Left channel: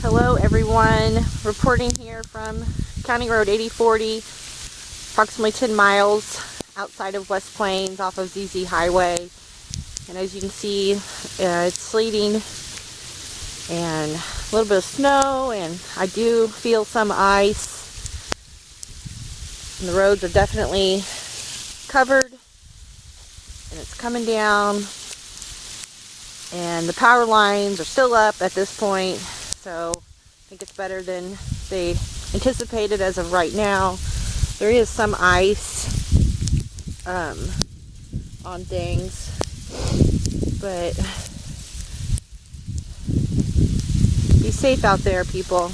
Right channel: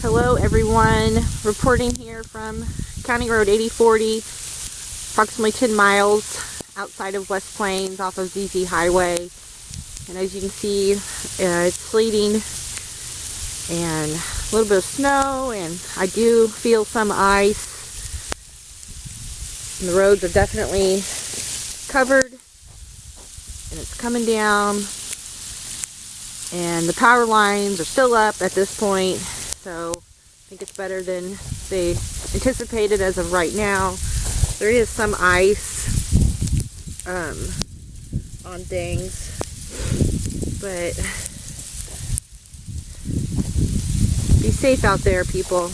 Hello everyone, reporting here from County Road 8040, approximately 10 miles outside of West Plains off of ZZ Highway. And as you can see, it's sleeting and a little bit of snow, and I do feel some ice. And the roads are definitely covered and it's coming down, and the power lines are still up at this point. So I think it's better than they anticipated as of right now. There is some ice on things, but be safe out there, people.